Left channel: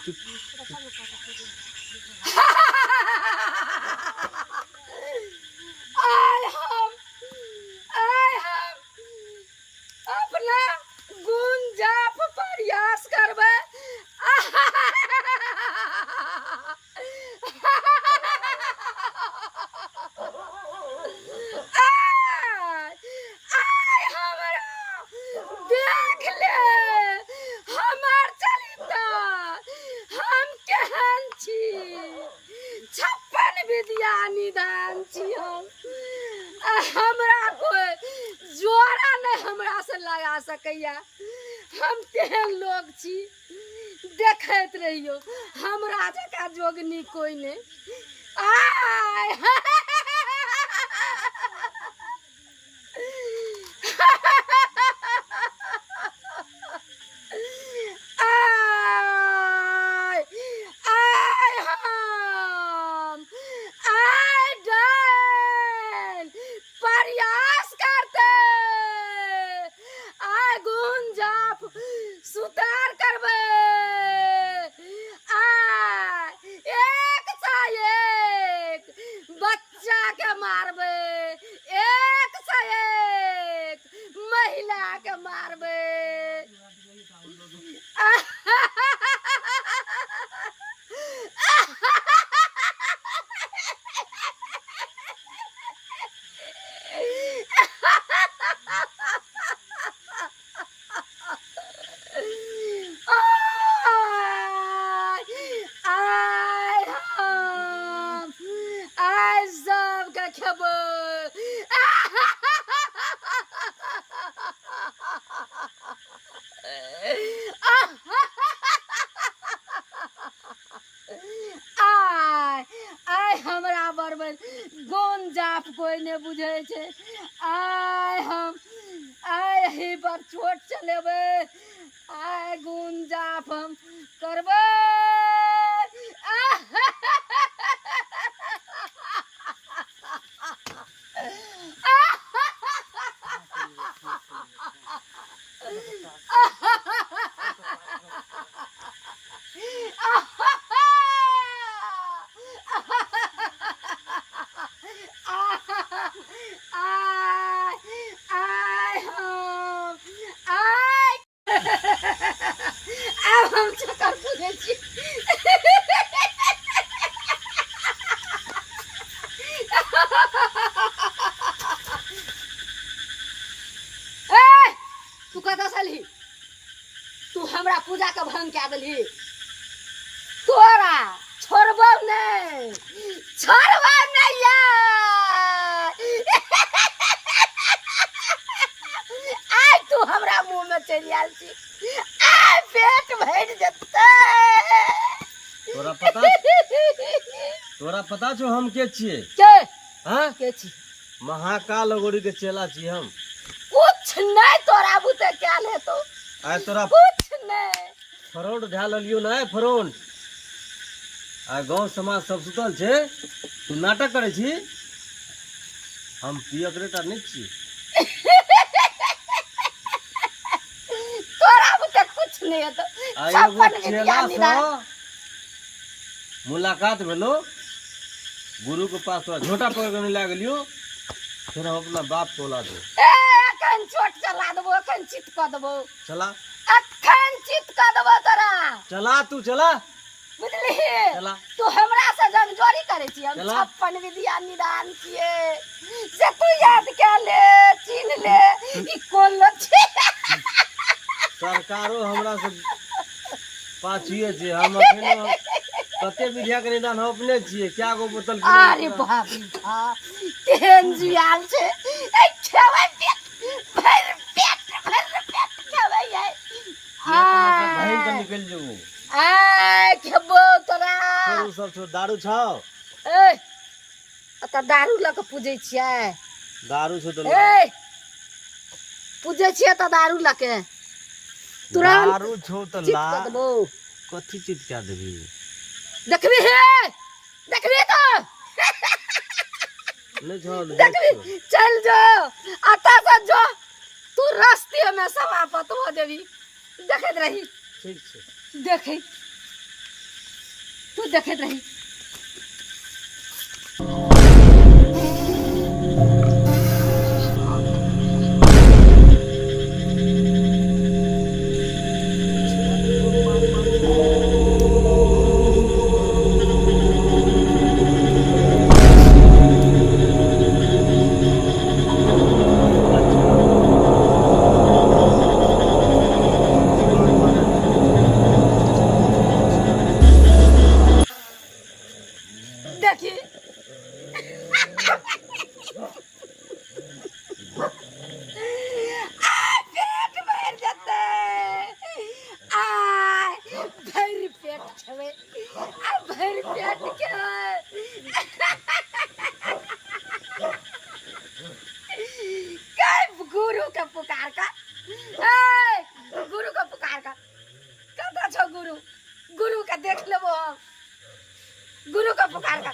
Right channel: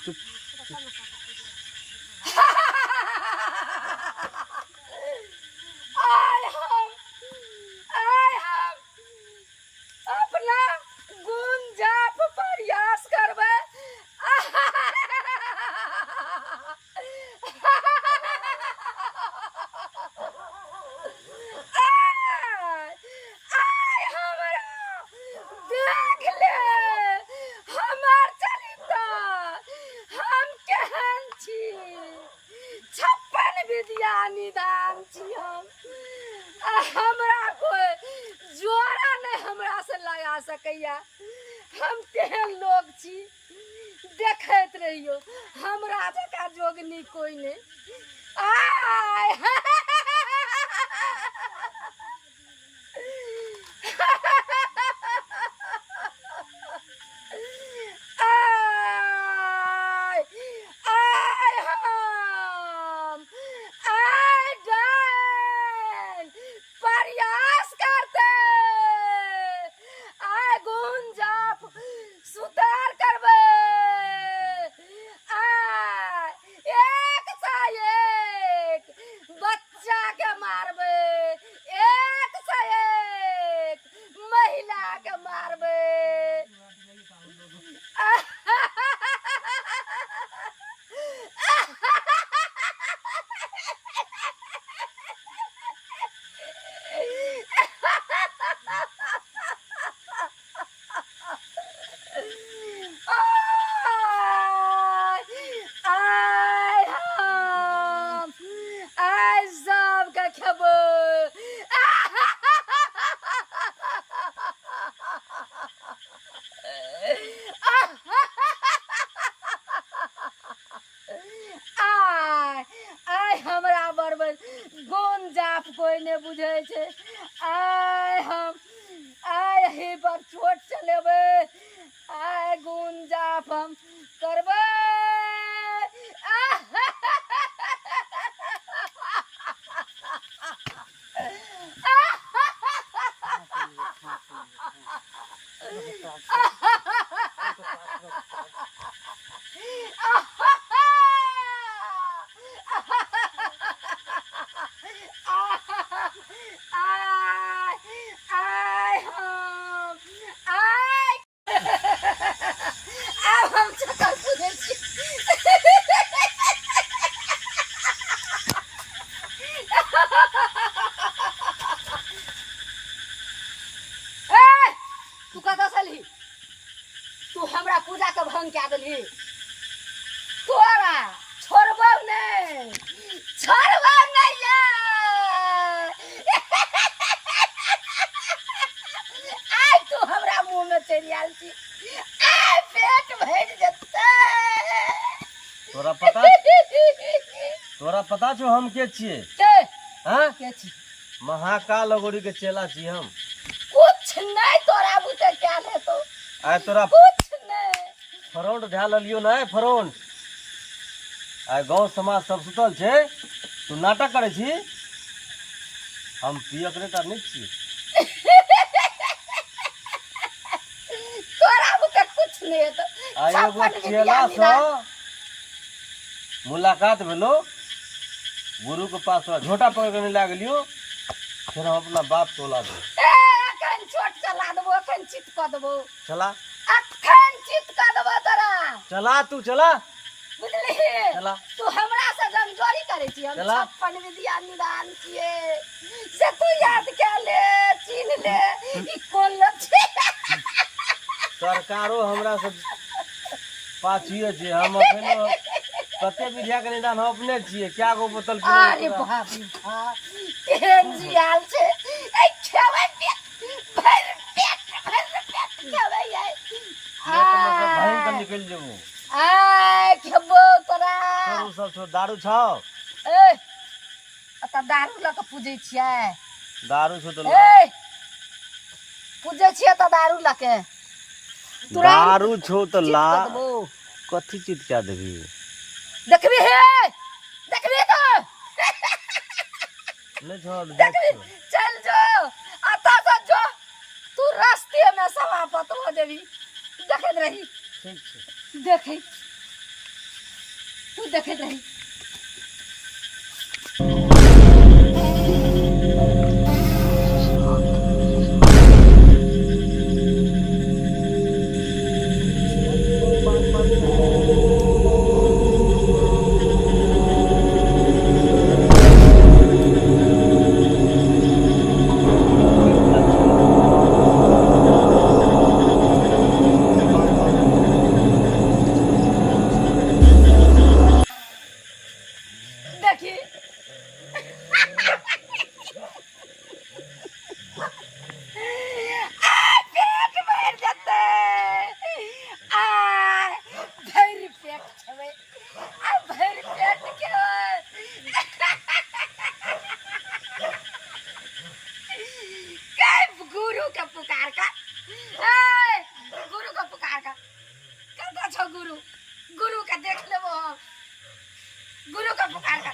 आय हम अपना गुंजाप प्रयास करबै। देख ले हमर चरित्र हम केहन छी, 56 विद्या निदान छी हम। हमरा कोई जोड़ा नहीं हमरा से लगा सकैया, हम तेहन लोग छी। देखैत रहियो हमरा जका जोगनी कोई नहीं। आय प्रयास करते आय गुंजाप सुधार करबे। आय एक सा एक बच्चा के मारबे, एक सा एक महिला के मारबे। खेबो आय हमरा बरबर गुंजाप कोई ने बुझे छे। आय ही पर चोट चलेबे। आय गुंजाप हम करबे। हम चक्कर पूछे छी। तू कतऽ सलही? तू हमरा पूजा के भंग क्या देलही। तोरा छोड़बो नहीं, छोड़बो नहीं आय तू हमरा मुंह में चली आयल छी। आय पेट भर जते। तोरा पता छो हम के छिए? के हां के छी? महाकाल अगोरी के चेला छी हम। कुछ नहीं तोरा बुते क्या ले तो। आय तोरा कुछ नहीं फ्रंट ध्या लियो ना फ्रंट। आय गांव समाज सब सुतल छे, तू नाटक करे छी। हम पियकरेटा नहीं छी। तोरा बुते कुछ नहीं है तो। आय एगो चेला से मुलाकात भेलो, गुरु के पास तोरा झोटा पकड़ के ला गेलियो, फिर हम अपना बाप को ला दो। एखन चोट चला देबो, एखन चित क देबो। चला एखन चित क देबो तोरा। चला तू चला बुझली? चला तू हमरा से जंगजोरी करे छी। हम चला। 56 विद्या निदान छिए से तू याद के ले, चिन्ह ले ई कोन लोग छी। सरकारो हमरा से पाछिए छे। हम अखनो कते विद्या के निदान हम अपने छिए। क्या गो बोतल पी। अरे बाप रे बाप तेहन जियाल छे। ए खेबै पेट भर खेबै है। भाई के निकल जेबो। आय खेबो तोरा। तोरू सब छो दारू छौ। ए अत दारू ल के पूजे छियै। दारू छो तो ए पूजे छियै त दारू ल के। तुरंत दारू छो तो ला कथि चित क्या देबी। देखबी हे देखबी तो नहीं छो देखबी चल जो आता से जो तू रास्ते में समाप्त हो देबी। देखत रही ठीक छे देखै तू देखत रही। देखी पेट भर जते आ भर पेट छवे आ भर पेट के काय गुरु के पुकार का ए गुरु के पुकार का कता छो गुरु गुरु के देख लेबो हम गुरु का पुकार का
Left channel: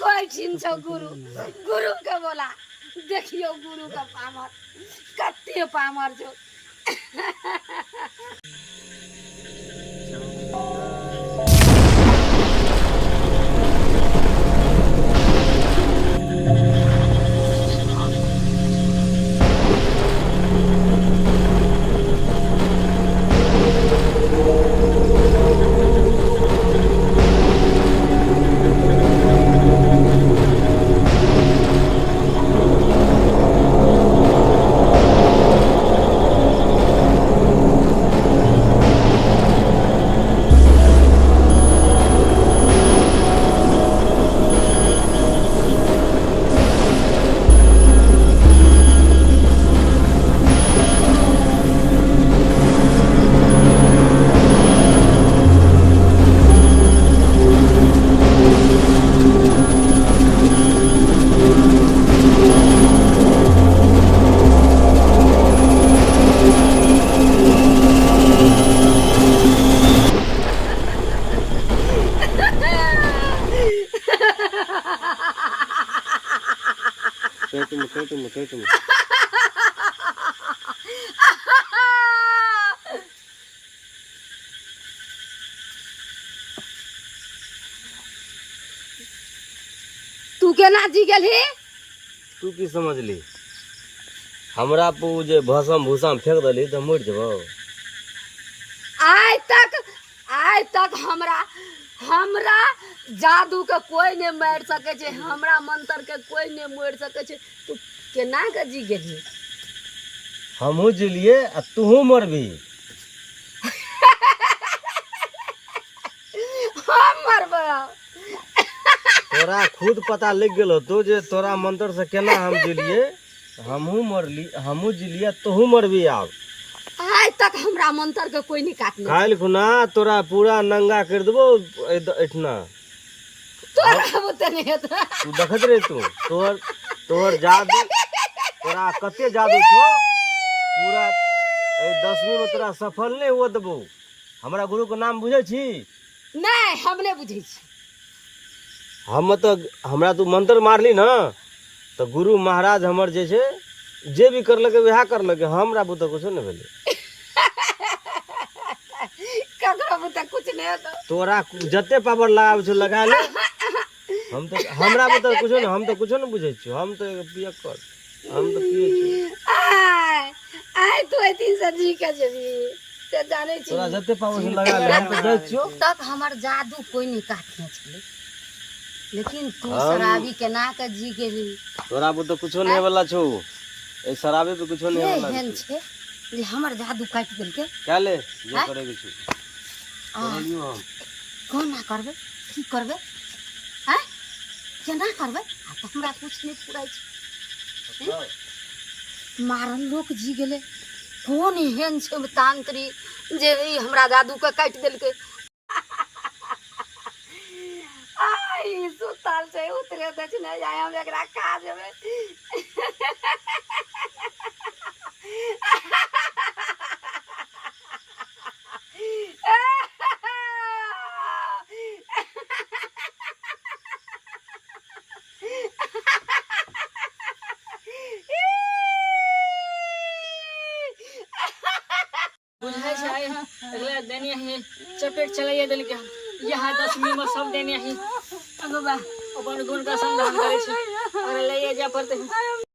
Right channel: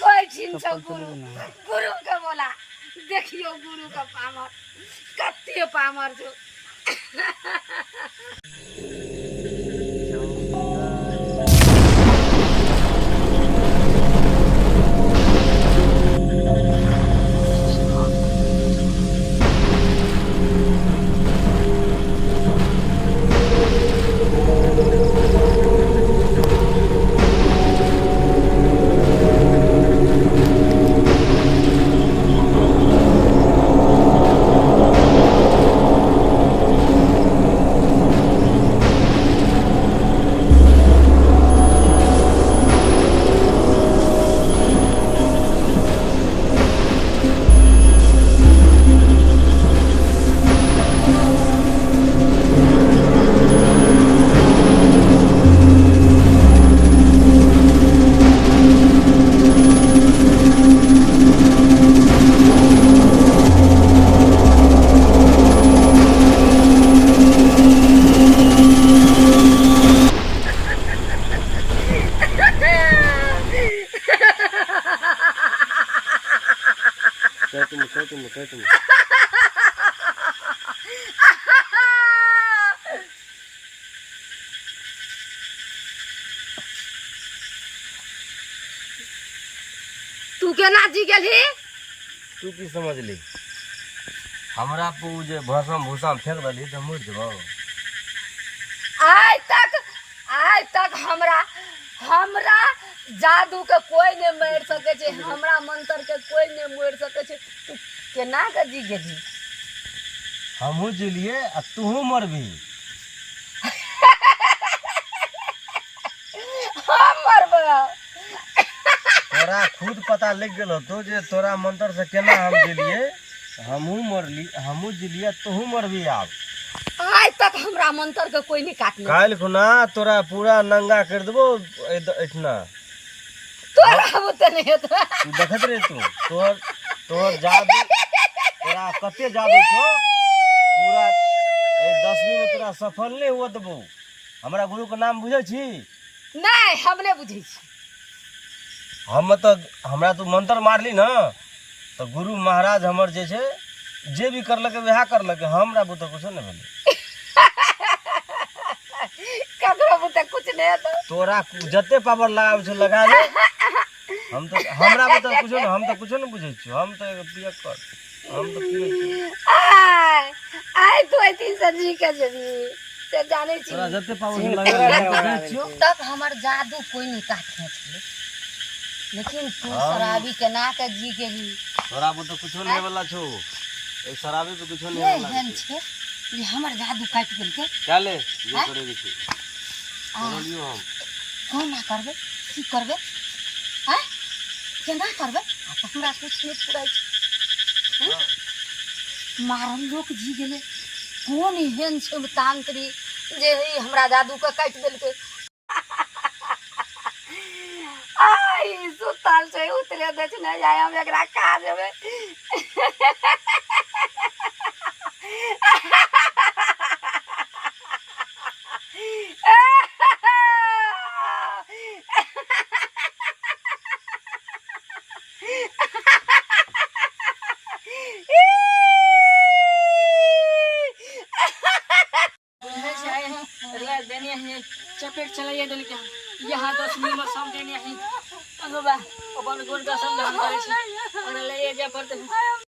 कोई छीन छो गुरु गुरु का बोला देखियो गुरु का पामर कत्ते पामर जो तुम तू केना जी गेली तू की समझ ली हमरा पू जे भसम भूसा में फेंक दली तो मर जबो आज तक हमरा जादू के कोई नहीं मार सके छे हमरा मंत्र के कोई नहीं मार सके छे तू केना के जी गेली हमहू जिलिए आ तूहू मरबी हम मरबो तोरा खुद पता लग गेल तो जे तोरा मंत्र से केना हम जिलिए हमहू मरली हमहू जिलिए तूहू मरबी अब आज तक हमरा मंत्र के कोई नहीं काटने काल खुना तोरा पूरा नंगा कर देबो इतना तोरा बुते नहीं तो तू देखत रे तू तोर जादू तोरा कते जादू छो पूरा 10वीं में तोरा सफल नहीं हुआ देबो हमरा गुरु के नाम बुझे छी नहीं हम नहीं बुझे छी हम तो हमरा तू मंत्र मारली ना तो गुरु महाराज हमर जे छे जे भी करलके वह करलके हमरा बुते कुछ नहीं भेले ककरो बुते कुछ नहीं तो तोरा जते पावर लगाव छो लगा ले हम तो हमरा बुते कुछ नहीं हम तो कुछ नहीं बुझे छी हम तो पिया कर हम तो पिए छी आय तो इतनी सजी के जबी से जाने छी तोरा जते पावर लगा ले हम तो जाय छियो तक हमर जादू कोई नहीं काटने छले लेकिन तू शराबी के ना के जी गेली तोरा बुते कुछ नहीं वाला छो ए शराबी पे कुछ नहीं वाला हेन छे जे हमर जादू काट गेल के चले जे करे के छी लियो हम कोना करबे की करबे हैं केना करबे आ तो हमरा कुछ नहीं पुराई छे मारन लोग जी गेले कोन हेन छे तांत्री जे ई हमरा जादू के काट देल के आई सुताल छे उतरे दे छ नहीं आय हम एकरा खा देबे देने है चपेट चलाइए देने के यहाँ 10 मिनट में सब देने है अब बा अपन गुण का संधान करे छे और ले जा पड़ते